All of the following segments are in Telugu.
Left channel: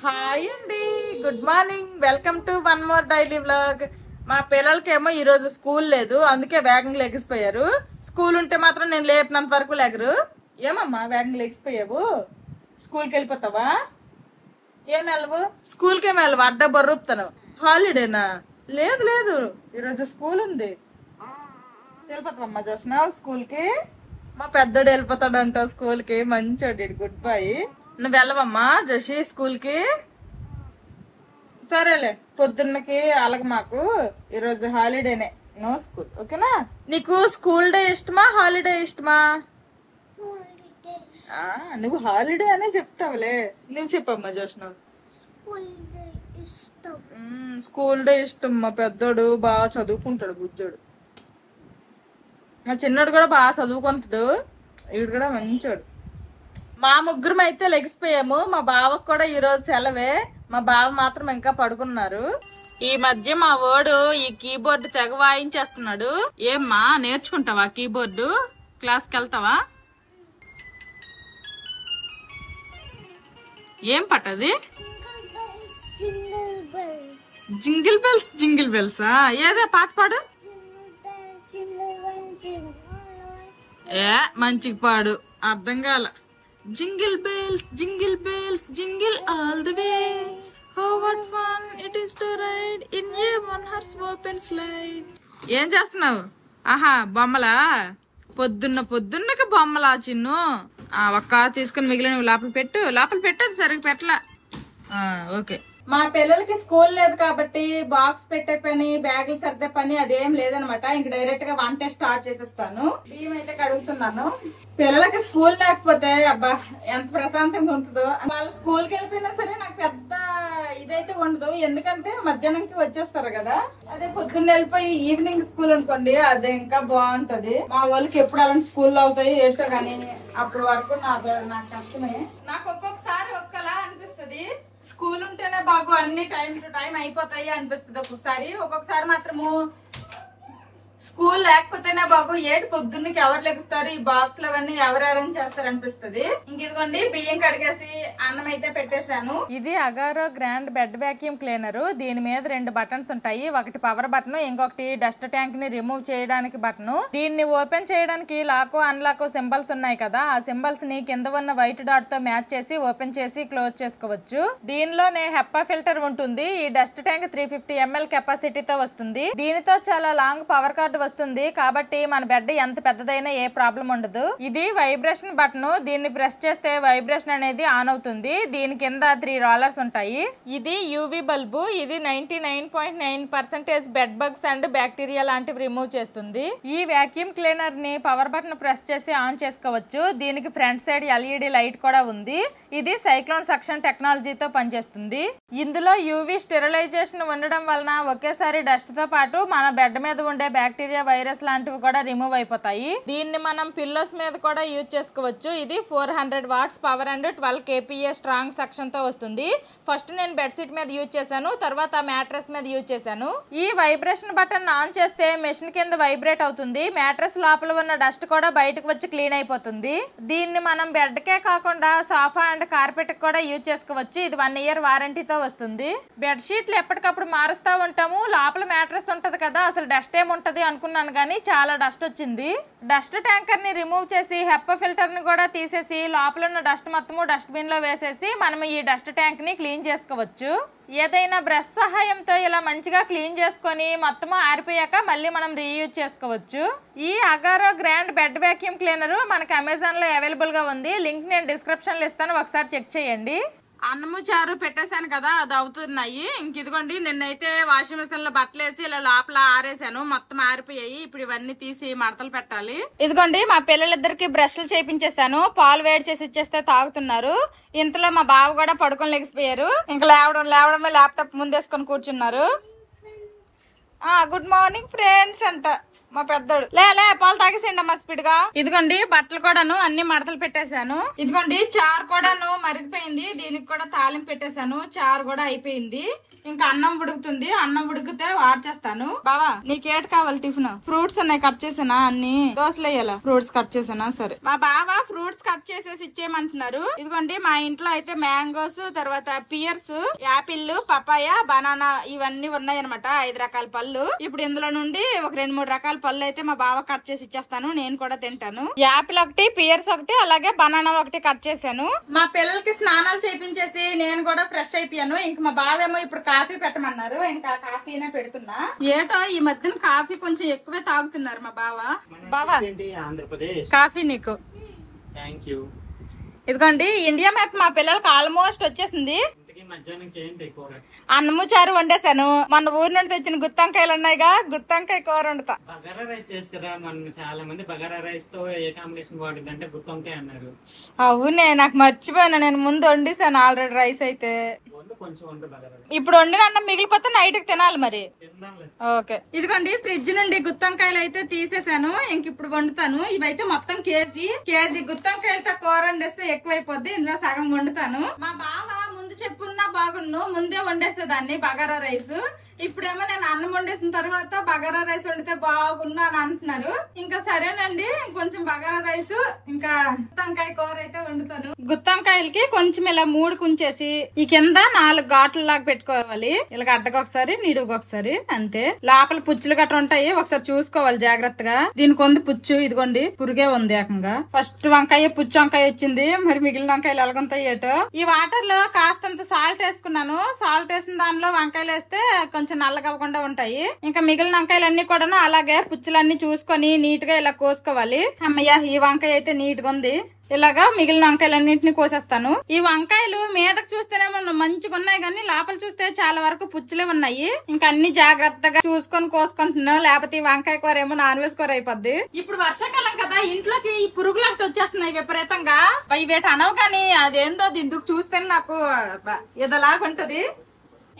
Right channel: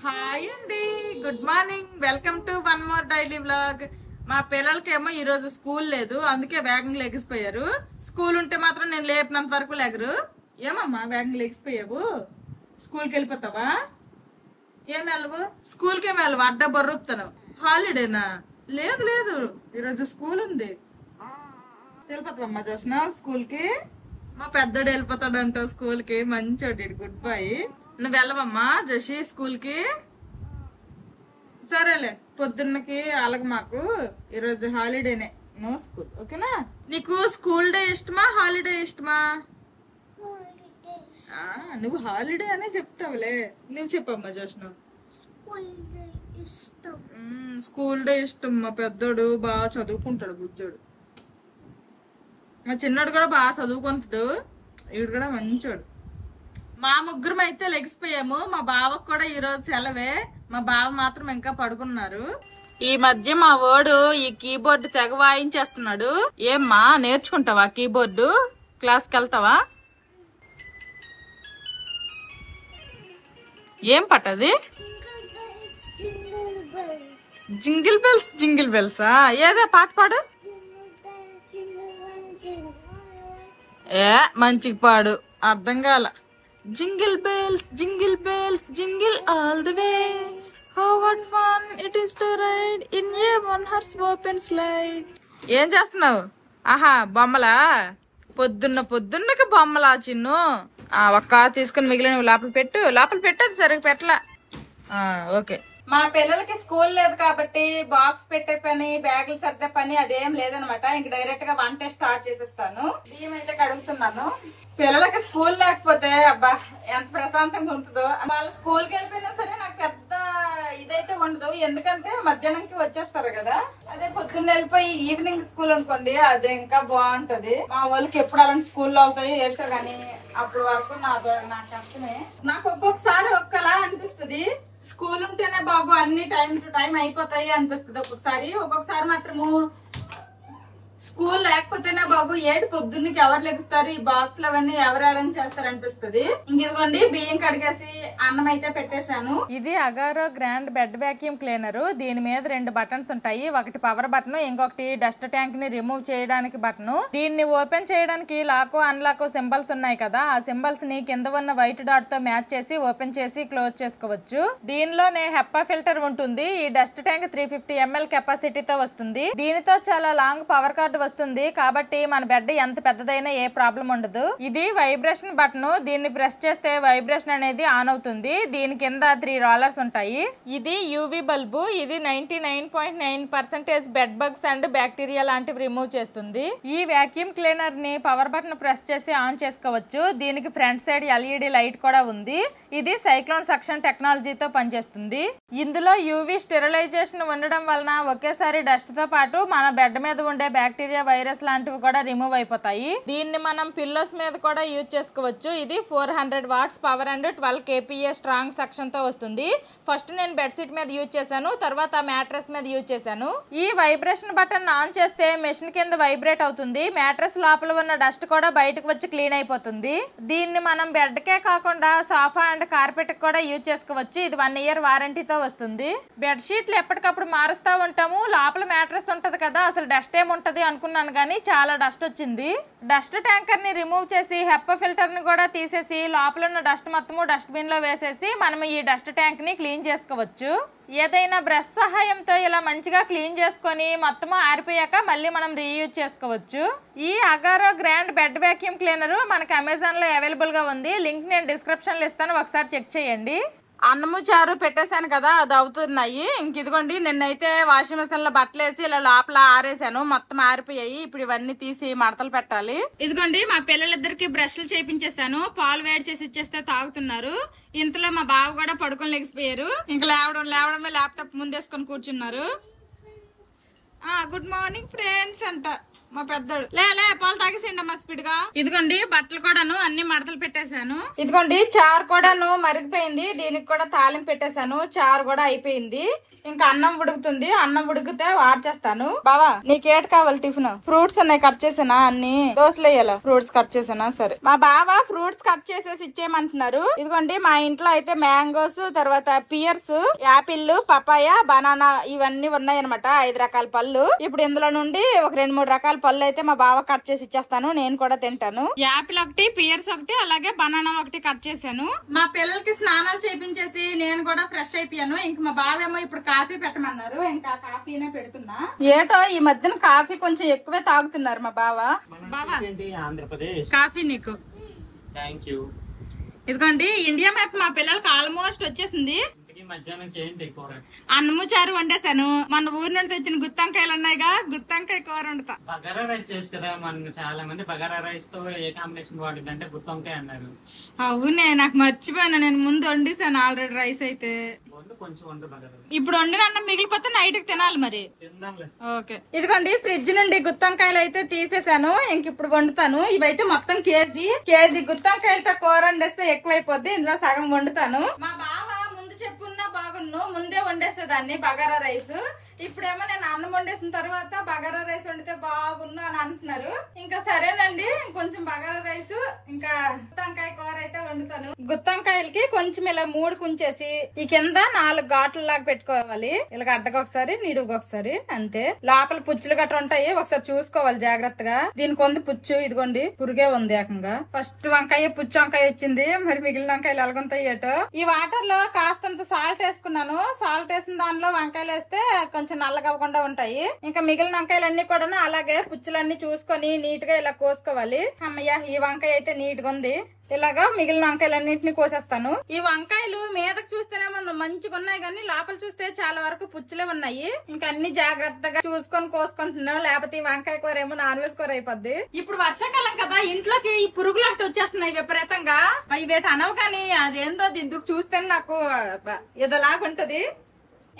హాయ్ అండి, good morning. Welcome to one more daily vlog. మా పిల్లలకేమో ఈ రోజు స్కూల్ లేదు, అందుకే వేగంగా లెగిసిపోయారు. స్కూల్ ఉంటే మాత్రం నేను లేపినంత వరకు లేగరు. ఏమమ్మా వేగంగా లెగిసిపోయావు? స్కూల్కి వెళ్ళిపోతావా? ఏం వెళ్ళవు? స్కూల్కి ఏమి వెళ్ళవు, అడ్డ బొర్రుపుతాను. హాలిడేనా? లేదు లేదు, ఈరోజు స్కూల్ ఉంది. వెళ్ళిపోతావమ్మా జోష్న స్కూల్కి? మా పెద్దోడు వెళ్ళిపోతాడంట స్కూల్కి, మంచోడు. Good boy. నువ్వు వెళ్ళవమ్మా జషి స్కూల్కి? సరేలే, పొద్దున్నకి అలాగ మాకు ఈరోజు హాలిడేనే, నో స్కూల్. ఓకేనా? నీకు స్కూల్ డే ఇష్టమా హాలిడే ఇష్టమా? నువ్వు హాలిడే అనే చెప్తావులే. నువ్వు చెప్పమ్మా జోష్న. స్కూల్ డే ఇష్టం. మా పెద్దోడు బాగా చదువుకుంటాడు, బుజ్జోడు. మా చిన్నోడు కూడా బాగా చదువుకుంటాడు, వీడు కూడా మంచోడు. మా ముగ్గురం అయితే లెగిసిపోయాము. మా బావకు కూడా ఈ రోజు సెలవే. మా బావ మాత్రం ఇంకా పడుకున్నారు. ఈ మధ్య మా వాడు ఈ కీబోర్డు తెగ వాయించేస్తున్నాడు. ఏమ్మా నేర్చుకుంటావా కీబోర్డు? క్లాస్కి వెళ్తావా? ఏం పట్టది? Jingle bells. జింగిల్ బెల్సా? ఏదే పాట పాడు. ఏ మంచిగా పాడు, అర్థం కాల. Jingle bells jingle bells jingle all the way, how what fun it is to ride in a one horse open sleigh. ఏం చేస్తున్నావు? ఆహా బొమ్మలా? పొద్దున్నకి బొమ్మలా చిన్ను? ఒక్క తీసుకుని మిగిలిన లోపల పెట్టు. అది సరిగ్గా పెట్టలా. ఓకే. మా పిల్లలకి స్కూల్ లేదు కాబట్టి బాక్స్ పెట్టే పని, బ్యాగులు సర్దే పని అదేం లేదనమాట. ఇంక డైరెక్ట్ గా వంట స్టార్ట్ చేసేస్తాను. బియ్యం అయితే కడుగుతున్నాను. పిల్లలకి స్కూల్ లేకపోతే అబ్బా ఎంత ప్రశాంతంగా ఉంటుందో. వాళ్ళు స్కూల్కి వెళ్ళిపోయినా సరే నాకు పెద్ద ఇదైతే ఉండదు, ఎందుకంటే మధ్యాహ్నంకి వచ్చేస్తారు కదా. అదే పొద్దున్న వెళ్ళిపోయి ఈవినింగ్ స్కూల్ అనుకోండి, అది ఇంకా బాగుంటది. మా వాళ్ళకి ఎప్పుడు అలాంటి స్కూల్లో అవుతాయి ఏంటో గానీ అప్పటి వరకు నాకు కష్టమే. నాకు ఒక్కొక్కసారి ఒక్కలా అనిపిస్తుంది, స్కూల్ ఉంటేనే బాగు, అన్ని టైం టు టైం అయిపోతాయి అనిపిస్తుంది ఒక్కొక్కసారి మాత్రము స్కూల్ లేకపోతేనే బాగు, ఏడు పొద్దున్నకి ఎవరు లెగుస్తారు, ఈ బాక్స్ అవన్నీ ఎవరు అరేంజ్ చేస్తారు అనిపిస్తుంది. ఇంకిదిగోండి బియ్యం కడిగేసి అన్నం అయితే పెట్టేశాను. ఇది Agaro grand bed vacuum cleaner. దీని మీద 2 బటన్స్ ఉంటాయి, ఒకటి పవర్ బటన్, ఇంకొకటి డస్ట్ ట్యాంక్ ని రిమూవ్ చేయడానికి బటన్. దీన్ని ఓపెన్ చేయడానికి లాక్ అన్లాక్ సింబల్స్ ఉన్నాయి కదా, ఆ సింబల్స్ ని కింద ఉన్న వైట్ డాట్ తో మ్యాచ్ చేసి ఓపెన్ చేసి క్లోజ్ చేసుకోవచ్చు. దీనిలోనే హెప్పా ఫిల్టర్ ఉంటుంది. ఈ డస్ట్ ట్యాంక్ 350 ml కెపాసిటీతో వస్తుంది. దీనితో చాలా లాంగ్ పవర్ వస్తుంది కాబట్టి మన బెడ్ ఎంత పెద్దదైనా ఏ ప్రాబ్లం ఉండదు. ఇది వైబ్రేషన్ బటన్. దీన్ని ప్రెస్ చేస్తే వైబ్రేషన్ అనేది ఆన్ అవుతుంది. దీని కింద 3 రోలర్స్ ఉంటాయి. ఇది యూవీ బల్బు. ఇది 99.9% బెడ్ బగ్స్ అండ్ బ్యాక్టీరియా లాంటివి రిమూవ్ చేస్తుంది. ఈ వాక్యూమ్ క్లీనర్ ని పవర్ బటన్ ప్రెస్ చేసి ఆన్ చేసుకోవచ్చు. దీనికి ఫ్రంట్ సైడ్ ఎల్ఈడి లైట్ కూడా ఉంది. ఇది సైక్లోన్ సక్షన్ టెక్నాలజీతో పనిచేస్తుంది. ఇందులో యూవీ స్టెరిలైజేషన్ ఉండడం వలన ఒకేసారి డస్ట్ తో పాటు మన బెడ్ మీద ఉండే బ్యాక్టీరియా, వైరస్ లాంటివి కూడా రిమూవ్ అయిపోతాయి. దీన్ని మనం పిల్లోస్ మీద కూడా యూజ్ చేసుకోవచ్చు. ఇది 400 watts power and 12 kPa strong suction తో వస్తుంది. ఫస్ట్ నేను బెడ్షీట్ మీద యూజ్ చేశాను, తర్వాత మ్యాట్రెస్ మీద యూజ్ చేశాను. ఈ వైబ్రేషన్ బటన్ ఆన్ చేస్తే మెషిన్ కింద వైబ్రేట్ అవుతుంది. మ్యాట్రెస్ లోపల ఉన్న డస్ట్ కూడా బయటకు వచ్చి క్లీన్ అయిపోతుంది. దీన్ని మనం బెడ్ కే కాకుండా సోఫా అండ్ కార్పెట్ కూడా యూజ్ చేసుకోవచ్చు. ఇది 1 year వారంటీతో వస్తుంది. బెడ్షీట్లు ఎప్పటికప్పుడు మారుస్తూ ఉంటాము. లోపల మ్యాట్రెస్ ఉంటది కదా, అసలు డస్ట్ ఏముంటది అనుకున్నాను కానీ చాలా డస్ట్ వచ్చింది. డస్ట్ ట్యాంకర్ ని రిమూవ్ చేసి హెప్పా ఫిల్టర్ ని కూడా తీసేసి లోపల ఉన్న డస్ట్ మొత్తము డస్ట్ బిన్ లో వేసేసి మనం ఈ డస్ట్ ట్యాంక్ ని క్లీన్ చేసుకోవచ్చు. ఏదైనా బ్రష్ సహాయంతో ఇలా మంచిగా క్లీన్ చేసుకొని మొత్తము ఆరిపోయాక మళ్ళీ మనం రీయూజ్ చేసుకోవచ్చు. ఈ Agaro grand bed vacuum cleaner మనకి అమెజాన్ లో అవైలబుల్ గా ఉంది. లింక్ నేను డిస్క్రిప్షన్ లో ఇస్తాను, ఒకసారి చెక్ చేయండి. అన్నము చారు పెట్టేశాను కదా, అది అవుతున్నాయి. ఇంక ఇదిగోండి నిన్నైతే వాషింగ్ మిషన్ లో బట్టలు వేసి ఇలా లోపల ఆరేసాను, మొత్తం ఆరిపోయాయి. ఇప్పుడు ఇవన్నీ తీసి మడతలు పెట్టాలి. ఇదిగోండి మా పిల్లలిద్దరికి బ్రష్లు చేయించేసాను, పాలు వేడి చేసి ఇచ్చేస్తే తాగుతున్నారు. ఇంతలో మా బావ కూడా పడుకొని లెగిసిపోయారు. ఇంకా లేవడమే ల్యాప్టాప్ ముందేసుకొని కూర్చున్నారు. గుడ్ మార్నింగ్ ఫ్రెండ్స్ అంట మా పెద్దోడు. లే పాలు తాగేసేయండి అమ్మా స్పీడ్ గా. ఇదిగోండి బట్టలు కూడాను అన్ని మడతలు పెట్టేశాను. ఇదిగోండి చారు కూడాను మరిగిపోయింది. దీనికి కూడా తాలింపు పెట్టేశాను. చారు కూడా అయిపోయింది. ఇంకా అన్నం ఉడుకుతుంది. అన్నం ఉడికితే వార్చేస్తాను. బావా నీకేటి కావాలి టిఫిన్? ఫ్రూట్స్ ఉన్నాయి కట్ చేసానా? అన్ని దోశలు వేయాల. Fruits cut చేసానా? సరే. మా బావ ఫ్రూట్స్ కట్ చేసేసి ఇచ్చేయమంటున్నారు. ఇదిగోండి మా ఇంట్లో అయితే మ్యాంగోస్, తర్వాత పియర్స్, యాపిల్, పపాయ, బనానా ఇవన్నీ ఉన్నాయన్నమాట. 5 రకాల పళ్ళు. ఇప్పుడు ఇందులో నుండి ఒక 2-3 రకాల పళ్ళు అయితే మా బావ కట్ చేసి ఇచ్చేస్తాను. నేను కూడా తింటాను. యాపిల్ ఒకటి, పియర్స్ ఒకటి, అలాగే బనానా ఒకటి కట్ చేశాను. మా పిల్లలకి స్నానాలు చేయించేసి నేను కూడా ఫ్రెష్ అయిపోయాను. ఇంక మా బావేమో ఇప్పుడు కాఫీ పెట్టమన్నారు. ఇంకా కాఫీనే పెడుతున్నా. ఏటో ఈ మధ్యన కాఫీ కొంచెం ఎక్కువే తాగుతున్నారు మా బావ. బావా కాఫీ నీకు. ఇదిగోండి ఇండియా మ్యాప్ మా పిల్లలకి ఆల్మోస్ట్ వచ్చేసింది. అన్నము చారు వండేసాను. మన ఊరి నుండి తెచ్చిన గుత్తంకాయలు ఉన్నాయిగా, గుత్తంకాయ కూర వండుతా. బగారా రైస్ చేసి కదా, మన చాలా మంది బగారా రైస్ తో ఏ కాంబినేషన్ బాగుంటుంది అంటే గుత్తంకాయ అన్నారు. అవునే నాకు మర్చిపోయినా. నేను ముందు వండేసాను ఆల్రెడీ రైస్ అయితే. ఇప్పుడు వండిన అన్నం మిగిలిపోతే నైట్ కి తినాలి మరి. ఓకే. ఇదిగోండి ఫ్రిడ్జ్ నుండి గుత్తంకాయలు అయితే తీసేసాను. ఇంక ఇప్పుడు వండుతాను. ఇవైతే మొత్తం కేజీ గుత్తంకాయలతో కూర వండేస్తే ఎక్కువైపోద్ది. ఇందులో సగం వండుతాను. మా బావ చెప్పున్నా బాగున్ను ముందే వండేసేదాన్ని బగారా రైస్. ఇప్పుడేమో నేను అన్నం వండేసిన తర్వాత బగారా రైస్ వండితే బాగున్నా అని అంటున్నారు. ఇంకా సరేనండి కొంచెం బగారా రైస్ ఇంకా గుత్తంకాయ కూర అయితే వండుతాను. గుత్తంకాయలకి కొంచెం ఇలా 3 కుంచేసి ఈ కింద 4 ఘాట్ల లాగా పెట్టుకోవాలి. ఇలా అడ్డకు ఒకసారి నీడుగు ఒకసారి అంతే. లోపల పుచ్చులు గట్రా ఉంటాయి, ఒకసారి చూసుకోవాలి జాగ్రత్తగా. దీనికి ఉంది పుచ్చు. ఇదిగోండి పురుగే ఉంది ఏకంగా. ఫస్ట్ వంకాయ పుచ్చు వంకాయ వచ్చింది. మరి మిగిలిన వంకాయలు ఎలాగుంటాయి ఏటో. ఈ వాటర్ లో కాస్తంత సాల్ట్ వేసుకున్నాను. సాల్ట్ వేసిన దానిలో వంకాయలు వేస్తే కొంచెం నల్లగా అవ్వకుండా ఉంటాయి. ఇంకా మిగిలిన వంకాయలన్నీ కూడా అలాగే పుచ్చులన్నీ చూసుకొని నీట్ గా ఇలా కోసుకోవాలి. అమ్మయ్య ఈ వంకాయ అయితే నీట్ గా ఉంది. ఇలాగా మిగిలిన వంకాయలన్నింటినీ కోసేస్తాను. ఈ వంకాయలు మీదకి చూస్తేనేమో మంచిగా ఉన్నాయి కానీ లోపల చూస్తే చాలా వరకు పుచ్చులే ఉన్నాయి. ఇంకా అన్ని జాగ్రత్తగా చూసుకొని కోసుకుంటున్నాను. లేకపోతే ఈ వంకాయ కూర ఏమో నాన్ వెజ్ కూర అయిపోద్ది. ఇప్పుడు వర్షాకాలం కదా, ఇంట్లోకి ఈ పురుగులు ఒకటి వచ్చేస్తున్నాయి విపరీతంగా. వీటి అనవు కానీ అదేందో దీనికి చూస్తే నాకు ఏదోలాగా ఉంటది.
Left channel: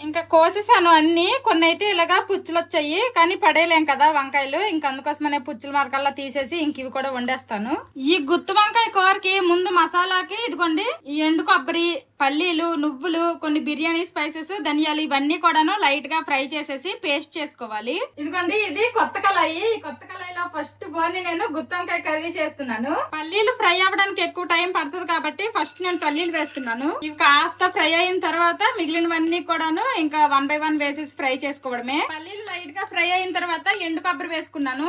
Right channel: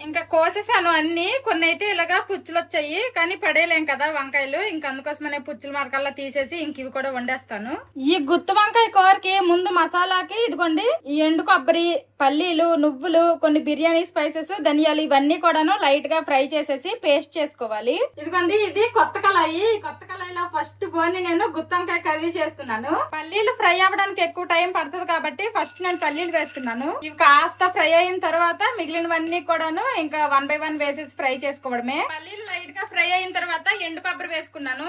ఇంకా కోసేసాను అన్ని. కొన్ని అయితే ఇలాగా పుచ్చులు వచ్చాయి కానీ పడేయలేం కదా వంకాయలు. ఇంకా అందుకోసమనే పుచ్చుల మరకల్లా తీసేసి ఇంక ఇవి కూడా వండేస్తాను. ఈ గుత్తి వంకాయ కూరకి ముందు మసాలాకి ఇదిగోండి ఈ ఎండు కొబ్బరి, పల్లీలు, నువ్వులు, కొన్ని బిర్యానీ స్పైసెస్, ధనియాలు ఇవన్నీ కూడాను లైట్ గా ఫ్రై చేసేసి పేస్ట్ చేసుకోవాలి. ఇదిగోండి ఇది కొత్త కళాయి. కొత్త కళాయిలో ఫస్ట్ బోని నేను గుత్తంకాయ కర్రీ చేస్తున్నాను. పల్లీలు ఫ్రై అవ్వడానికి ఎక్కువ టైం పడుతుంది కాబట్టి ఫస్ట్ నేను పల్లీలు వేస్తున్నాను. ఇవి కాస్త ఫ్రై అయిన తర్వాత మిగిలినవన్నీ కూడాను ఇంకా 1 by 1 వేసేసి ఫ్రై చేసుకోవడమే. పల్లీలు లైట్ గా ఫ్రై అయిన తర్వాత ఎండు కొబ్బరి వేసుకున్నాను.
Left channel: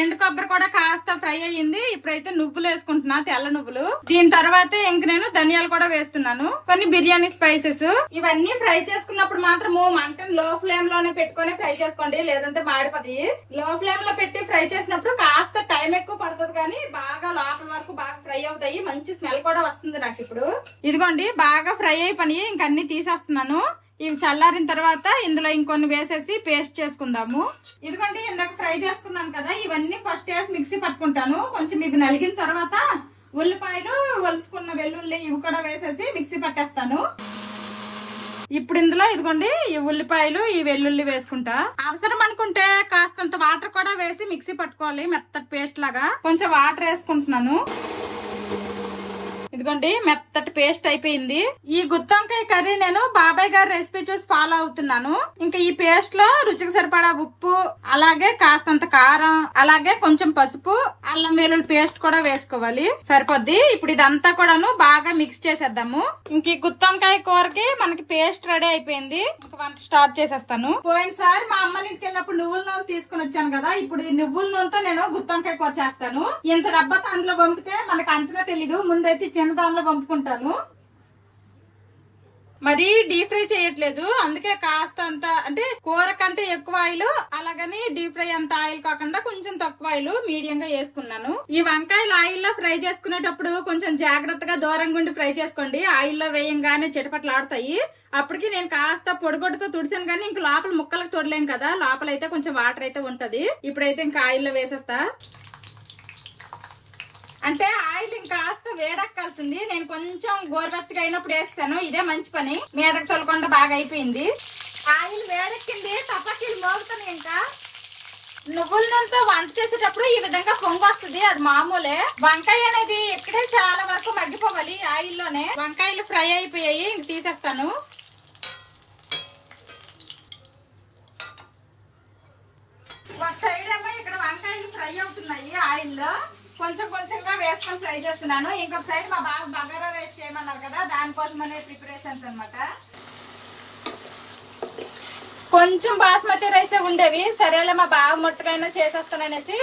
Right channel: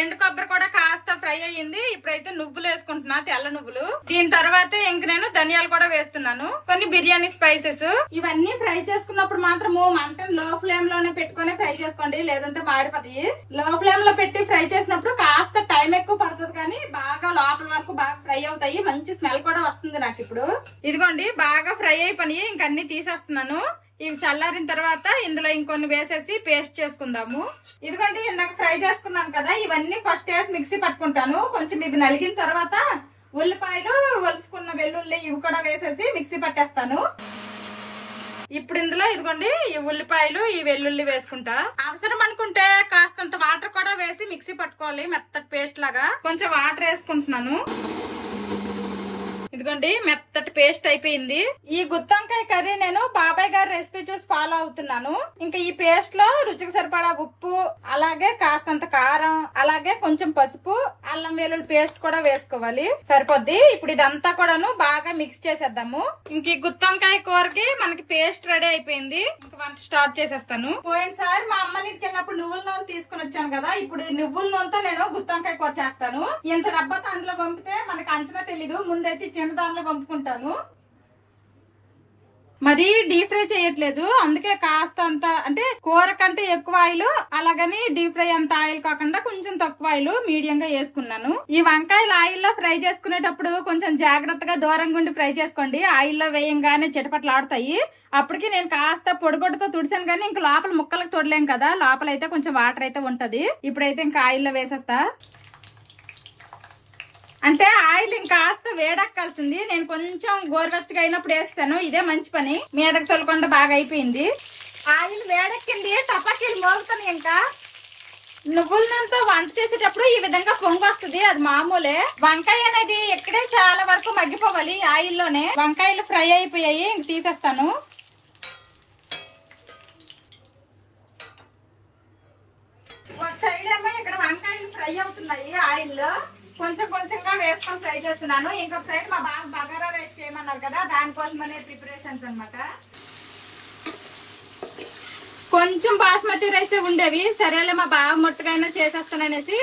ఎండు కొబ్బరి కూడా కాస్త ఫ్రై అయ్యింది. ఇప్పుడైతే నువ్వులు వేసుకుంటున్నా, తెల్ల నువ్వులు. దీని తర్వాత ఇంక నేను ధనియాలు కూడా వేస్తున్నాను. కొన్ని బిర్యానీ స్పైసెస్. ఇవన్నీ ఫ్రై చేసుకున్నప్పుడు మాత్రము మంటను లో ఫ్లేమ్ లోనే పెట్టుకుని ఫ్రై చేసుకోండి, లేదంటే మాడిపోతాయి. లో ఫ్లేమ్ లో పెట్టి ఫ్రై చేసినప్పుడు కాస్త టైం ఎక్కువ పడుతుంది కానీ బాగా లోపల వరకు బాగా ఫ్రై అవుతాయి. మంచి స్మెల్ కూడా వస్తుంది నాకు. ఇప్పుడు ఇదిగోండి బాగా ఫ్రై అయిపోయి ఇంక అన్ని తీసేస్తున్నాను. ఇవి చల్లారిన తర్వాత ఇందులో ఇంకొన్ని వేసేసి పేస్ట్ చేసుకుందాము. ఇదిగోండి ఇందాక ఫ్రై చేసుకున్నాను కదా, ఇవన్నీ ఫస్ట్ వేసి మిక్సీ పట్టుకుంటాను. కొంచెం ఇవి నలిగిన తర్వాత ఉల్లిపాయలు, ఒలుసుకున్న వెల్లుల్లి ఇవి కూడా వేసేసి మిక్సీ పట్టేస్తాను. ఇప్పుడు ఇందులో ఇదిగోండి ఈ ఉల్లిపాయలు, ఈ వెల్లుల్లి వేసుకుంటా. అవసరం అనుకుంటే కాస్తంత వాటర్ కూడా వేసి మిక్సీ పట్టుకోవాలి మెత్తటి పేస్ట్ లాగా. కొంచెం వాటర్ వేసుకుంటున్నాను. ఇదిగోండి మెత్తటి పేస్ట్ అయిపోయింది. ఈ గుత్తంకాయ కర్రీ నేను బాబాయ్ గారి రెసిపీ చూసి ఫాలో అవుతున్నాను. ఇంకా ఈ పేస్ట్ లో రుచికి సరిపడా ఉప్పు, అలాగే కాస్తంత కారం, అలాగే కొంచెం పసుపు, అల్లం వెల్లుల్లి పేస్ట్ కూడా వేసుకోవాలి. సరిపోద్ది. ఇప్పుడు ఇదంతా కూడాను బాగా మిక్స్ చేసేద్దాము. ఇంక ఈ గుత్తంకాయ కూరకి మనకి పేస్ట్ రెడీ అయిపోయింది. ఇంకా వంట స్టార్ట్ చేసేస్తాను. పోయినసారి మా అమ్మ ఇంటికి వెళ్ళినప్పుడు నువ్వుల నూనె తీసుకుని వచ్చాను కదా, ఇప్పుడు ఈ నువ్వుల నూనెతో నేను గుత్తంకాయ కూర చేస్తాను. ఇంత డబ్బాతో అందులో పంపితే మనకు అంచనా తెలీదు. ముందైతే చిన్న దానిలో పంపుకుంటాను. మరి డీప్ ఫ్రై చేయట్లేదు, అందుకే కాస్త అంత అంటే కూర కంటే ఎక్కువ ఆయిల్, అలాగని డీప్ ఫ్రై అంత ఆయిల్ కాకుండా కొంచెం తక్కువ ఆయిల్ మీడియం గా వేసుకున్నాను. ఈ వంకాయలు ఆయిల్లో ఫ్రై చేసుకునేటప్పుడు కొంచెం జాగ్రత్తగా దూరంగా ఉండి ఫ్రై చేసుకోండి. ఆయిల్లో వేయంగానే చిటపట్లాడతాయి. అప్పటికి నేను కాస్త పొడిగొడ్డతో తుడిసాను కానీ ఇంకా లోపల ముక్కలకు తొడలేం కదా, లోపల అయితే కొంచెం వాటర్ అయితే ఉంటది. ఇప్పుడైతే ఇంకా ఆయిల్లో వేసేస్తా. అంటే ఆయిల్ ఇంకాస్త వేడెక్కాల్సింది. నేను కొంచెం గోరువెచ్చగా అయినప్పుడు వేస్తాను. ఇదే మంచి పని. మీదకి తొలకుండా బాగా అయిపోయింది. ఆయిల్ వేడెక్కింది, టపాకీలు మోగుతాయి. ఇంకా నువ్వుల నూనెతో వంట చేసేటప్పుడు ఈ విధంగా పొంగు వస్తుంది, అది మామూలే. వంకాయ అనేది ఎక్కడే చాలా వరకు మగ్గిపోవాలి ఆయిల్లోనే. వంకాయలు ఫ్రై అయిపోయాయి, ఇంక తీసేస్తాను. ఒక సైడ్ ఏమో ఇక్కడ వంకాయలు ఫ్రై అవుతున్నాయి ఆయిల్లో, కొంచెం కొంచెంగా వేసుకొని ఫ్రై చేస్తున్నాను. ఇంకొక సైడ్ మా బాబు బగారా రైస్ చేయమన్నారు కదా, దానికోసమనే ప్రిపరేషన్స్ అన్నమాట. కొంచెం బాస్మతి రైస్ ఉండేవి, సరేలే మా బాబు ముట్టుకైనా చేసేస్తాననేసి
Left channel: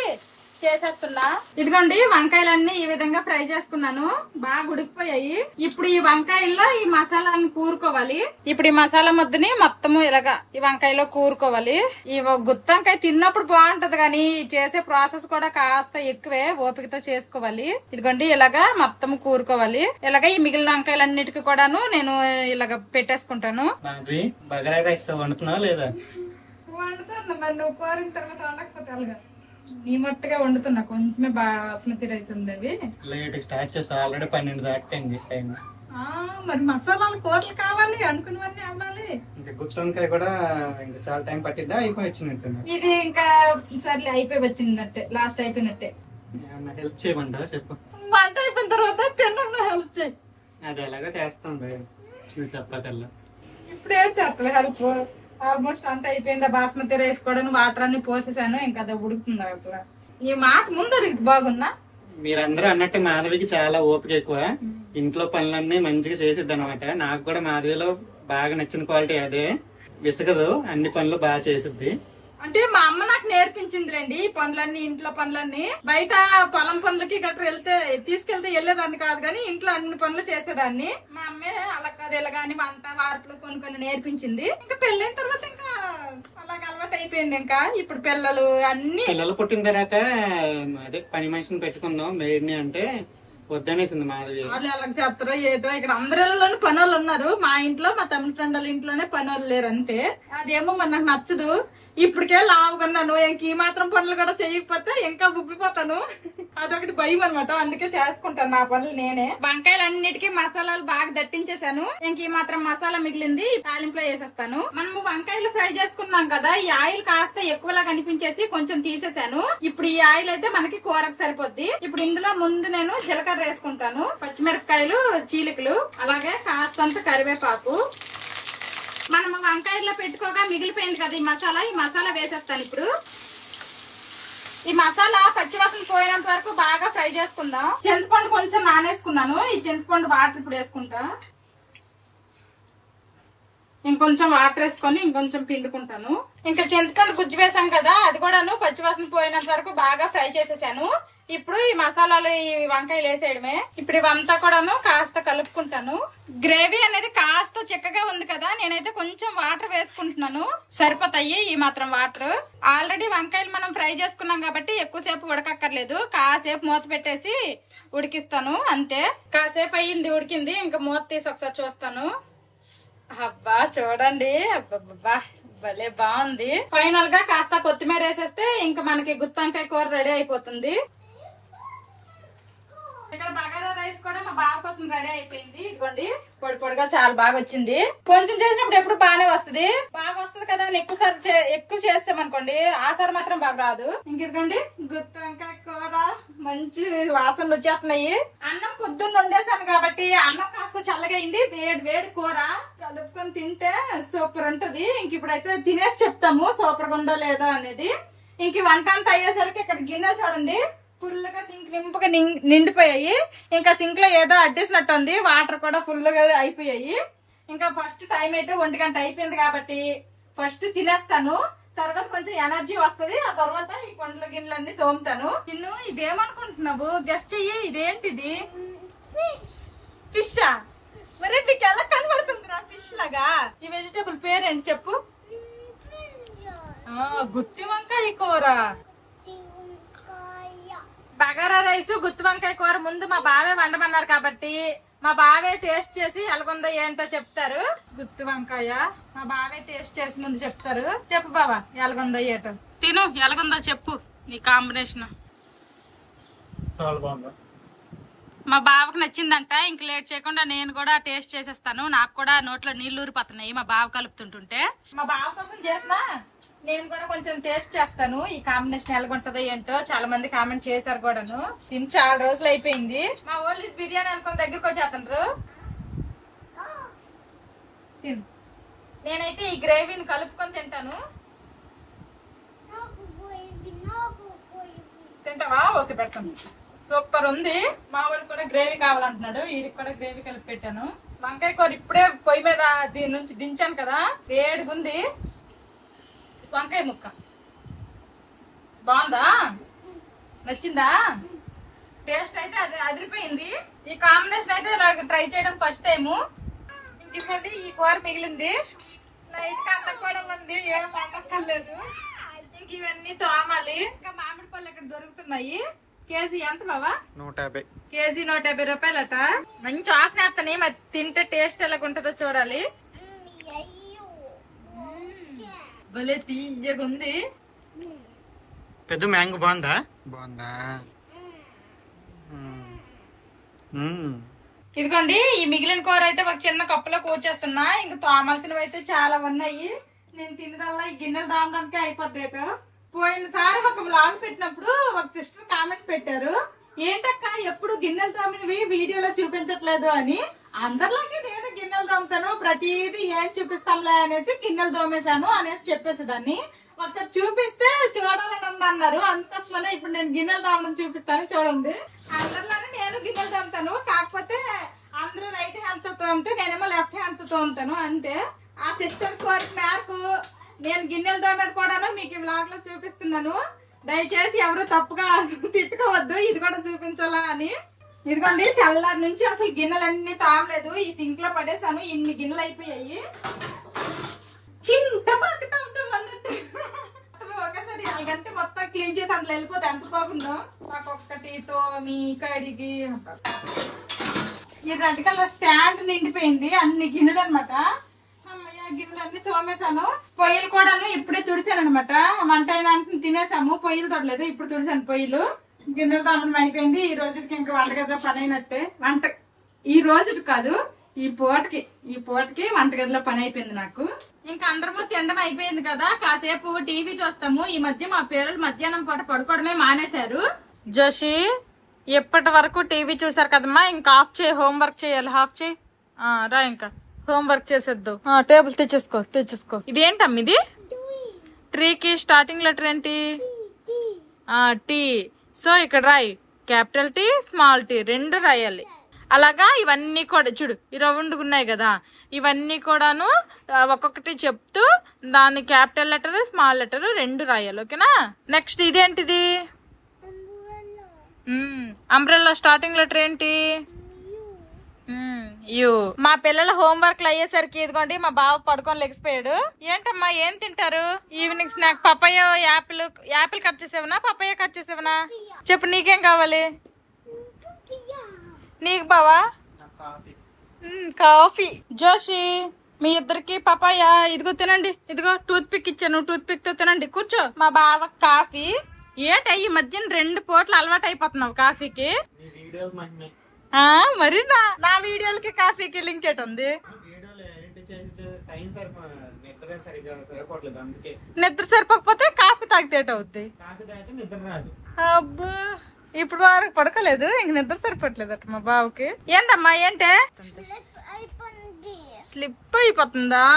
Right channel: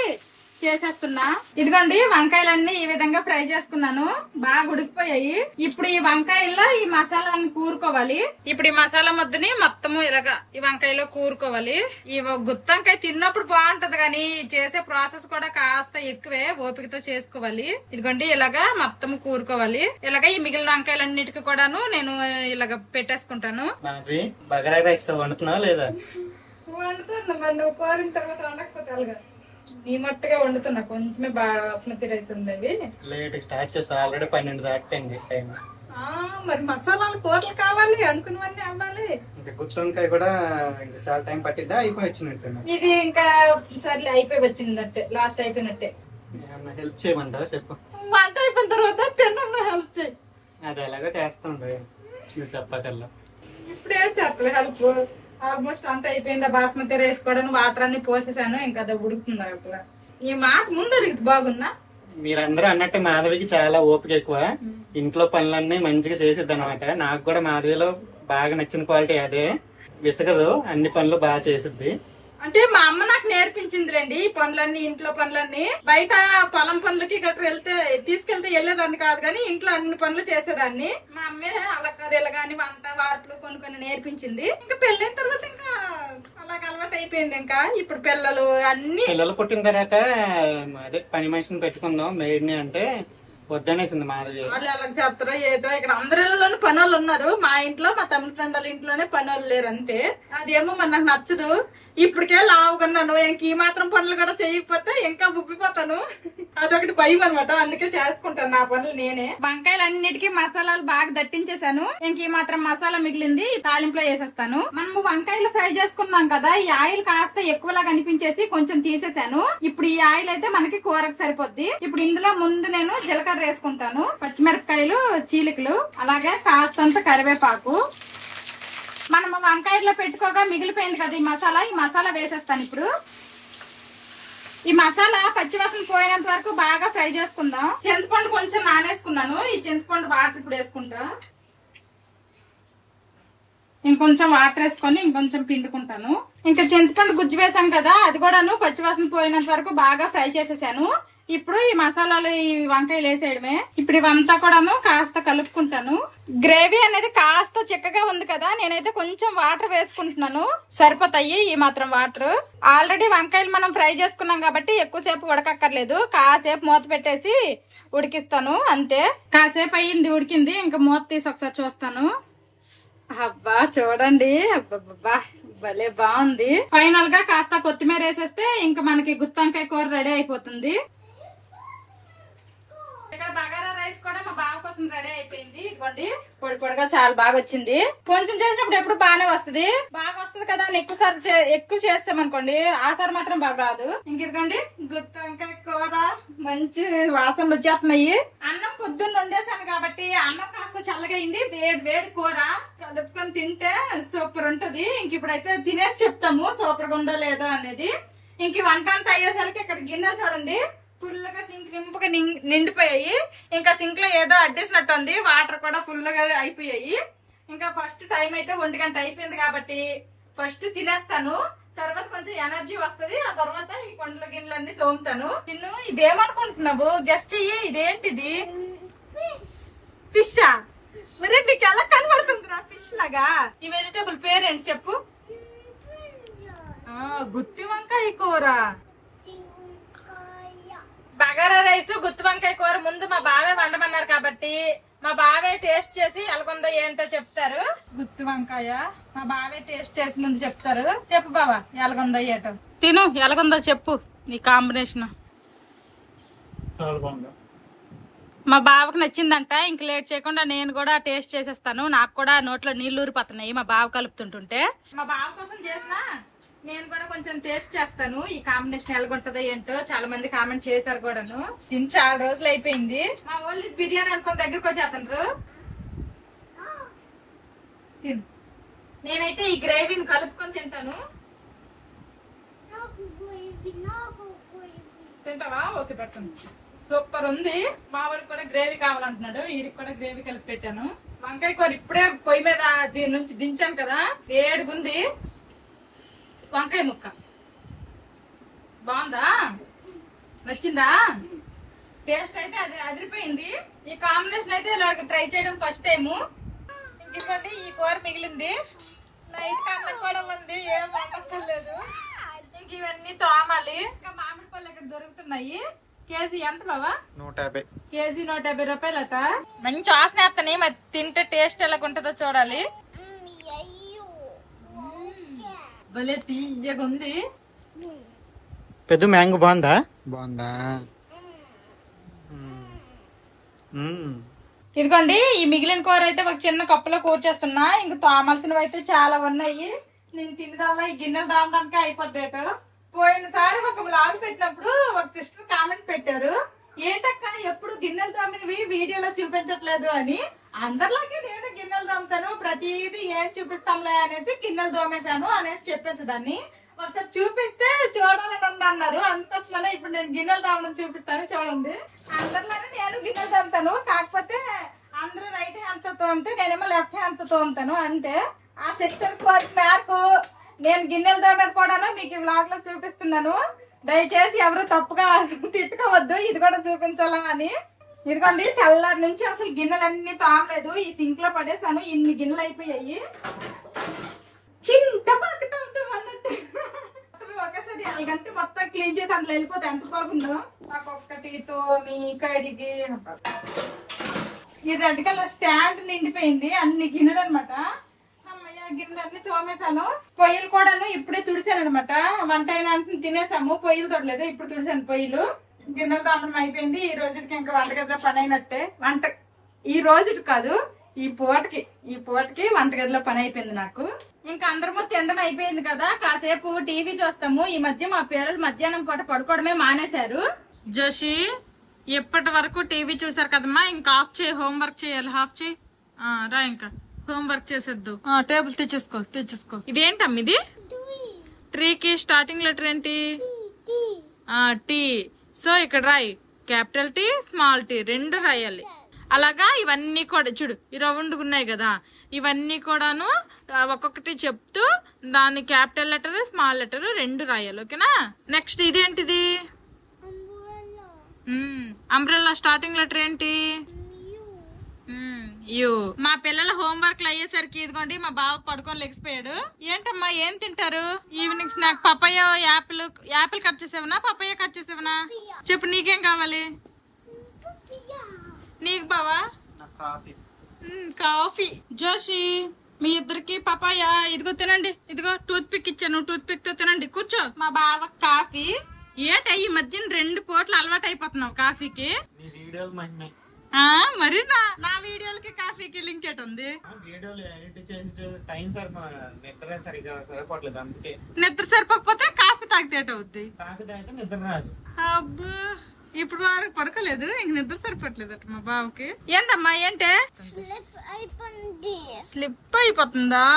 చేసేస్తున్నా. ఇదిగోండి వంకాయలన్నీ ఈ విధంగా ఫ్రై చేసుకున్నాను, బాగా ఉడికిపోయాయి. ఇప్పుడు ఈ వంకాయల్లో ఈ మసాలాను కూరుకోవాలి. ఇప్పుడు ఈ మసాలా ముద్దని మొత్తము ఇలాగా ఈ వంకాయలో కూరుకోవాలి. ఈ గుత్తి వంకాయ తిన్నప్పుడు బాగుంటది, కానీ చేసే ప్రాసెస్ కూడా కాస్త ఎక్కువే, ఓపికతో చేసుకోవాలి. ఇదిగోండి ఇలాగా మొత్తం కూరుకోవాలి. ఇలాగా ఈ మిగిలిన వంకాయలన్నిటికీ కూడాను నేను ఇలాగ పెట్టేసుకుంటాను. బగారా రైస్ వండుతున్నావా లేదా? వండుతున్నా, మరి నువ్వు కోరిన తర్వాత వండకపోతే అలాగా నీ మట్టుగా వండుతున్నా. కొంచెమే బాస్మతి రైస్ ఉండేవి. లేట్ స్టార్ట్ చేస్తా, ఆల్రెడీ 12 దాటిపోయింది టైం. మరి మసాలాలు కూరలు కావాలి, అనుకున్నవన్నీ అవ్వాలి. గుత్తి వంకాయ కూడా ఇంకా చాలా టైం పట్టిద్దా? అయిపోయి వచ్చినట్టు ఇది ఇంకా సర్లే అయిపోయి వచ్చిందట్టే, లాస్ట్ అయిపోయినట్టే. హెల్ప్ చేయమంటావా చెప్పు? వంట అయిపోయిన తర్వాత తినడంలో హెల్ప్ చేయి. అది ఎలాగో చేస్తుండే నువ్వు చెప్పకల్లా. ఇప్పుడు ఏడు చేస్తావు హెల్ప్? ఆల్మోస్ట్ అంత అయిపోయిందా, బాస్మతి రైస్ కూడా వాటర్ అన్ని పోసేసాను, ఇంకా అది ఉడుకుతుందా ఇప్పుడు. ఈ మాట ముందు అడిగింది బాగున్నా. మీరందరూ అన్నట్టు మాధవికి చాలా ఓపిక ఎక్కువ, ఇంట్లో పనులన్నీ మంచిగా చేసిద్ది అనమాట. నాకు కూడా మాధవిలో బాగా నచ్చిన క్వాలిటీ అదే, విసగదు, అన్ని పనులు బాగా చేసిద్ది. అంటే మా అమ్మ నాకు నేర్పించిందిలేండి ఈ పనులన్నీ, ఇంట్లో పనులన్నీ. బయట పొలం పనులకి గట్రా తీసుకెళ్తే వెళ్ళేదాన్ని కాదు, కానీ ఇంట్లో అన్ని పనులు చేసేదాన్ని. మా అమ్మే అలా కాదు ఇలా గాని వంట వార్పులు కొన్ని నేర్పించింది. ఇంకా పెళ్ళైన తర్వాత ఇంకా అలాగ అలవాటు అయిపోయింది. ఇంకా ఇప్పుడు పిల్లలు పుట్టిన తర్వాత అదే పని మనిషిని పెట్టుకుందాం మేడ్ని అంటే వద్దనేసింది మాధవి. వాళ్ళు అలాగ చేస్తారో ఏటో, ఇక్కడ అందరిలోనూ పనులు ఉన్నారు. మా ఇంట్లో మా తమిళ ఫ్రెండ్ వాళ్ళ ఇంట్లోనే పనులు లేరు అంతే. అదేమో మన నాకు నచ్చదు. ఇప్పటికే లావుకున్నాను, ఇంక ఈ మాత్రం పనులు కూడా చేయకపోతే ఇంకా ఉబ్బిపోతాను, అదొకటి భయం అనమాట. అందుకే చేసుకుంటాను నా పనులు నేనే. వంకాయలు అన్నిటికీ మసాలాలు బాగా దట్టించేసాను, ఇంక ఈ మాత్రం మసాలా మిగిలింది తాలింపులో వేసేస్తాను. మనము వంకాయలు ఫ్రై చేసుకున్నాం కదా, ఈ ఆయిల్ కాస్త ఎక్కువలాగా అనిపించేసి కొంచెం తీసేసాను. ఇప్పుడు ఈ ఆయిల్ అయితే మనకి కూరకు సరిపోద్ది. ఇప్పుడు ఇందులో ముందు నేను జీలకర్ర వేసుకుంటాను, పచ్చిమిరపకాయలు చీలికలు, అలాగే కాస్తంత కరివేపాకు. మనము వంకాయలో పెట్టుకోగా మిగిలిపోయింది కదా ఈ మసాలా వేసేస్తాను. ఇప్పుడు ఈ మసాలా పచ్చివాసన పోయినంత వరకు బాగా ఫ్రై చేసుకుందాం. చింతపండు కొంచెం నానేసుకున్నాను, ఈ చింతపండు వాటర్ ఇప్పుడు వేసుకుంటా. ఇంకొంచెం వాటర్ వేసుకొని ఇంకొంచెం పిండుకుంటాను. ఇంకా చింతపండు గుజ్జు వేసాం కదా, అది కూడాను పచ్చివాసన పోయినంత వరకు బాగా ఫ్రై చేసేసాను. ఇప్పుడు ఈ మసాలాలు ఈ వంకాయలు వేసేయడమే. ఇప్పుడు ఇవంతా కూడాను కాస్త కలుపుకుంటాను. గ్రేవీ అనేది కాస్త చిక్కగా ఉంది కదా, నేనైతే కొంచెం వాటర్ వేసుకుంటున్నాను, సరిపోతాయి ఈ మాత్రం వాటర్. ఆల్రెడీ వంకాయలు మనం ఫ్రై చేసుకున్నాం కాబట్టి ఎక్కువసేపు ఉడకక్కర్లేదు, కాసేపు మూత పెట్టేసి ఉడికిస్తాను అంతే. కాసేపు అయ్యింది ఉడికింది, ఇంకా మూత తీసి ఒకసారి చూస్తాను. అబ్బా చూడండి, అబ్బా భలే బాగుంది. ఫైనల్ గా కాస్త కొత్తిమీర వేసేస్తే ఇంకా మనకి గుత్తి వంకాయ కూర రెడీ అయిపోతుంది. ఇక్కడ బగారా రైస్ కూడా మా బావ కోసం రెడీ అయిపోయింది. ఇదిగోండి పొడి పొడిగా చాలా బాగా వచ్చింది. కొంచెం చేసినప్పుడు ఎప్పుడు బాగానే వస్తుంది, బాగా వస్తుంది కదా అని ఎక్కువ చేస్తామనుకోండి ఆసారి మాత్రం బాగా రాదు. ఇంకిదిగోండి గుత్తి వంకాయ కూర మంచి వాసనలు వచ్చేస్తున్నాయి. అన్నం పొద్దున్న వండేసాను కాబట్టి అన్నం కాస్త చల్లగా అయింది, వేడి కూర కలుపుకొని తింటే సూపర్ ఉంటది. ఇంక ఇప్పుడైతే తినేసి చెప్తాము సూపర్ గా ఉందో లేదో అనేది. ఇంక వంట అంతా అయ్యేసరికి ఇక్కడ గిన్నెలు చూడండి ఫుల్ గా సింక్ నింపుగా నిండిపోయాయి. ఇంకా సింక్ లో ఏదో అడ్డేసినట్టు ఉంది, వాటర్ కూడా ఫుల్ గా అయిపోయాయి. ఇంకా ఫస్ట్ టైం అయితే 1 గంట అయిపోయింది కాబట్టి ఫస్ట్ తినేస్తాను, తర్వాత కొంచెం ఎనర్జీ వస్తుంది, ఆ తర్వాత ఈ కొండల గిన్నెలన్నీ తోముతాను. నిన్ను ఇదేమనుకుంటున్నావు గెస్ట్ చెయ్యి, ఇదేంటిది? ఫిష్. మరి మీకు ఎలా కనబడుతుందిరా ఫిష్ లాగా? ఈ వెజిటేబుల్ పేరేంటి చెప్పు? గుత్తి వంకాయ కూర. బగారా రైస్ గుత్తి వంకాయ కూర ముందు మా బావే వండమన్నారు కాబట్టి మా బావే టేస్ట్ చేసి ఎలాగుందో ఏంటో చెప్తారు. గుత్తి వంకాయ మా బావే టేస్ట్ చేసి ముందు చెప్తారు. చెప్పు బావా ఎలాగుందో ఏటో. తిను ఎలాగుందో చెప్పు, నీ కాంబినేషన్. మా బావకు నచ్చిందంట. ఇంక లేట్ చేయకుండా నేను కూడా టేస్ట్ చేసేస్తాను. నాకు కూడా నోట్లో నీళ్లు ఊరిపోతున్నాయి మా బావ కలుపుతుంటుంటే. మా బావ కోసం చేసిన నేను కూడా కొంచెం టేస్ట్ చేస్తాను. ఈ కాంబినేషన్ ఎలాగుంటదో ఏంటో చాలా మంది కామెంట్ చేశారు కూడాను. తిని చాలా రోజులు అయిపోయింది. మా వాళ్ళు బిర్యానీ అనుకుని దగ్గరకు వచ్చేస్తుండ్రు. నేనైతే ఈ గ్రేవీని కలుపుకొని తింటాను. తింటావా? ఓకే పెడతాను. సూపర్ ఉంది. మావాడికి కూడా గ్రేవీ కావాలంటున్నాడు. వీడికి కూడా గ్రేవీ కలిపి పెట్టాను. వంకాయ కూర ఇప్పుడే పొయ్యి మీద దీని నుంచి దించాను కదా, వేడిగుంది. వంకాయ ముక్క బాగుందా? నచ్చిందా? టేస్ట్ అయితే అది అదిరిపోయింది. ఈ కాంబినేషన్ అయితే ట్రై చేయడం ఫస్ట్ టైము. ఇంకోండి ఈ కూర మిగిలింది. నైట్ అన్నం కూడా ఉంది. ఏం వండక్కర్లేదు. ఇంక ఇవన్నీ తోమాలి. ఇంకా మామిడి పళ్ళు ఇక్కడ దొరుకుతున్నాయి. కేజీ ఎంత బావా? 150. కేజీ 150 రూపాయలట. మంచి వాసన వేస్తాయి. మరి తింటే టేస్ట్ ఎలాగుంటుందో చూడాలి. భలే తీయగా ఉంది. పెద్ద మ్యాంగో బాగుందా? బాగుందా? ఇదిగోండి ఈ మిగిలిన కూర అయితే ఒక చిన్న కప్పులో కూర్చేస్తున్నా. ఇంక తోమాల్సినవి అయితే చాలా ఉన్నాయి. నేను తినదల్లా ఈ గిన్నెలు దామడానికి అయిపోద్దేట. పోయినసారి ఒక బ్లాగ్ పెట్టినప్పుడు ఒక సిస్టర్ కామెంట్ పెట్టారు, ఏంటక్క ఎప్పుడు గిన్నెలు తోమినవి వీడియోలో చూపించట్లేదు అని. అందరిలాగే నేను గిన్నెలు తోముతాను, ప్రతిదీ ఏం చూపిస్తాంలే అనేసి గిన్నెలు తోమేశాను అనేసి చెప్పేసేదాన్ని. ఒకసారి చూపిస్తే చూడాలని ఉంది అన్నారు. అందుకోసమనే ఇప్పుడు నేను గిన్నెలు తోమడం చూపిస్తాను. చూడండి, అందరిలానే నేను గిన్నెలు తోముతాను. కాకపోతే అందరూ రైట్ హ్యాండ్ తో తోమితే నేనేమో లెఫ్ట్ హ్యాండ్ తో తోముతాను అంతే. ఆ సిస్టర్ కోరిక మేరకు నేను గిన్నెలు తోమేది కూడాను మీకు ఈ వ్లాగ్ లో చూపిస్తున్నాను. దయచేసి ఎవరు తప్పుగా తిట్టుకోవద్దు, ఇది కూడా చూపించాలా అని. ఇదిగోండి తెల్లారి నుంచి అసలు గిన్నెలన్నీ తోమలేదు. ఈ సింక్ లో పడేసాను. ఇన్ని గిన్నెలు అయిపోయాయి. చింత పక్కట అన్నట్టు ఒకసారి అలాగంటే మొత్తం క్లీన్ చేసి అందులో వెళ్ళిపోతే ఎంత బాగుందో. ఒక్కొక్కటి తోమి కడిగి ఈ రెడ్ కలర్ స్టాండ్ నిండిపోయింది. అన్ని గిన్నెలు అనమాట. గిన్నెలన్నీ తోమేశాను. పొయ్యిలు కూడాను ఇప్పుడే తుడిసాను అనమాట. వంట అయినా తినేసాము. పొయ్యిలు తొడలేదు, ఇప్పుడు తుడిసాను పొయ్యిలు. గిన్నెలు తోమడం అయిపోయింది. ఈ రోజుకి ఇంకా వంటగదిలో పని అయినట్టే. ఈ రోజుకి కాదు, ఈ పూటకి వంటగదిలో పని అయిపోయింది నాకు. ఇంకా అందరము తినడం అయిపోయింది కదా, కాసేపు టీవీ చూస్తాము. ఈ మధ్య మా పిల్లలు మధ్యాహ్నం పూట పడుకోవడమే మానేశారు. జోషి ఎప్పటి వరకు టీవీ చూసారు కదమ్మా, ఇంకా ఆఫ్ చేయి. హోంవర్క్ చేయాలి. ఆఫ్ చేయి. రా ఇంకా హోంవర్క్ చేసేద్దాం. టేబుల్ తెచ్చేసుకో. ఇది ఏంటమ్మ? ఇది ట్రీకి స్టార్టింగ్ లెటర్ ఏంటి? టీ. సో ఇక్కడ రాయి. క్యాపిటల్ టీ, స్మాల్ టీ రెండు రాయాలి. అలాగా ఇవన్నీ కూడా చూడు, ఈ రౌండ్ ఉన్నాయి కదా, ఇవన్నీ కూడాను ఒక్కొక్కటి చెప్తూ దాని క్యాపిటల్ లెటర్ స్మాల్ లెటర్ రెండు రాయాలి. ఓకేనా? నెక్స్ట్ ఇదేంటిది? అంబ్రెల్లా స్టార్టింగ్ లెటర్ ఏంటి? యూ. మా పిల్లల హోంవర్క్లు అయ్యేసరికి ఇదిగోండి మా బావ పడుకొని లెగిసిపోయాడు. ఏంటమ్మా ఏం తింటారు evening snack? Papaya, apple cut చేసేవనా, పపాయ కట్ చేసేవనా? చెప్పు, నీకేం కావాలి? నీకు బావా? కాఫీ. జోషి మీ ఇద్దరికి పపాయ. ఇదిగో తినండి. ఇదిగో టూత్ పిక్ ఇచ్చాను, టూత్ పిక్ తో తినండి. కూర్చో. మా బావ కాఫీ. ఏట ఈ మధ్యన 2 పూటలు అలవాటు అయిపోతున్నావు కాఫీకి. మరి నా వీడియోలకి కాఫీకి లింక్ ఏట ఉంది? నిద్ర సరిపోకపోతే కాఫీ తాగితే ఏటవుద్ది? అబ్బా, ఇప్పుడు వరకు పడకలేదు, ఇంక నిద్ర సరిపోవట్లేదు అట మా బావకి. ఏందమ్మా ఏంటే? స్లిప్ అయిపోతుందా?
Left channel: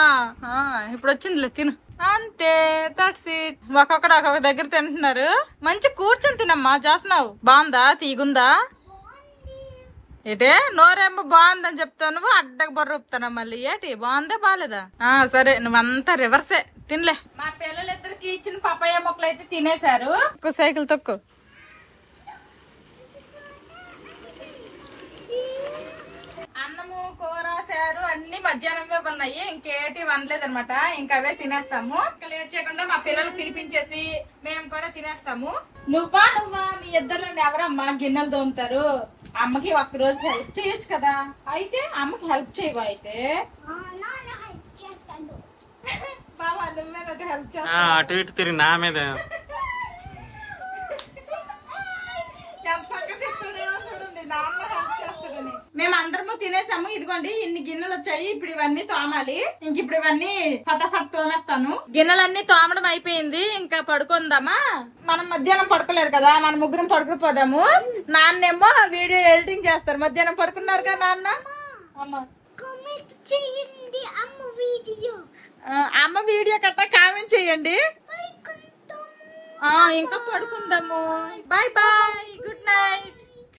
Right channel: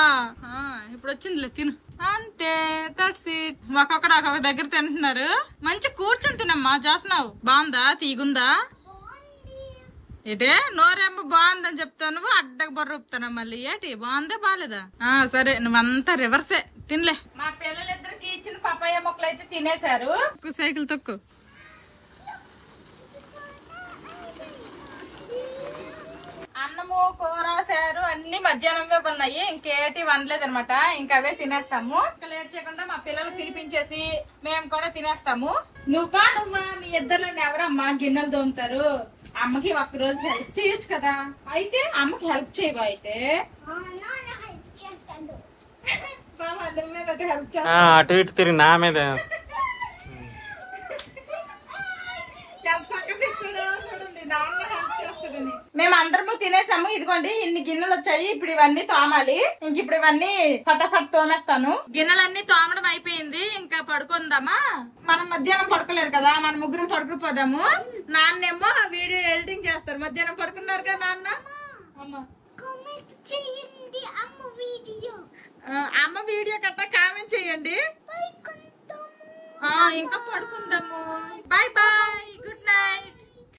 ఇప్పుడు వచ్చిందిలే, తిను. అంతే, దట్స్ ఇట్. ఒక్కొక్క దగ్గర తింటున్నారు. మంచి కూర్చొని తినమ్మా. చేస్తున్నావు బాగుందా? తీగుందా? ఏటే నోరేమో బాగుందని చెప్తాను, అడ్డకు బొర్రొప్పుతాను మళ్ళీ. ఏటి బాగుందా బాగాలేదా? సరే, నువ్వంతా రివర్సే. తినలే. మా పిల్లలిద్దరికి ఇచ్చిన పపాయ మొక్కలు అయితే తినేశారు. సైకిల్ తొక్కు. అన్నము, కూర, సారు అన్ని మధ్యాహ్నంలో ఉన్నాయి. ఇంకేటి వండలేదు అనమాట. ఇంకా అవే తినేస్తాము. ఇంకా లేట్ చేయకుండా మా పిల్లలు తినిపించేసి మేము కూడా తినేస్తాము. నువ్వా మీ ఇద్దరు ఎవరమ్మా గిన్నెలు తోముతారు? అమ్మకి ఒక్క రోజు హెల్ప్ చేయొచ్చు కదా. అయితే అమ్మకి హెల్ప్ చేయవా? అయితే అటు ఇటు తిరిగి నా మీద చూడండి, నాన్న హెల్ప్ మేము అందరము తినేసాము. ఇదిగోండి ఇన్ని గిన్నెలు వచ్చాయి. ఇప్పుడు ఇవన్నీ తోమాలి. ఇంక ఇప్పుడు ఇవన్నీ ఫటాఫట్ తోమేస్తాను. గిన్నెలన్నీ తోమడం అయిపోయింది. ఇంకా పడుకుందామా? మనం మధ్యాహ్నం పడుకోలేదు కదా, మన ముగ్గురం పడుకుపోదాము. నాన్నేమో వీడియో ఎడిటింగ్ చేస్తారు. మధ్యాహ్నం పడుకున్నారు కదా నాన్న. అమ్మ వీడియో కట్ట కామెంట్ చేయండి. ఇంకా పడుకుందాము. Bye bye, good night.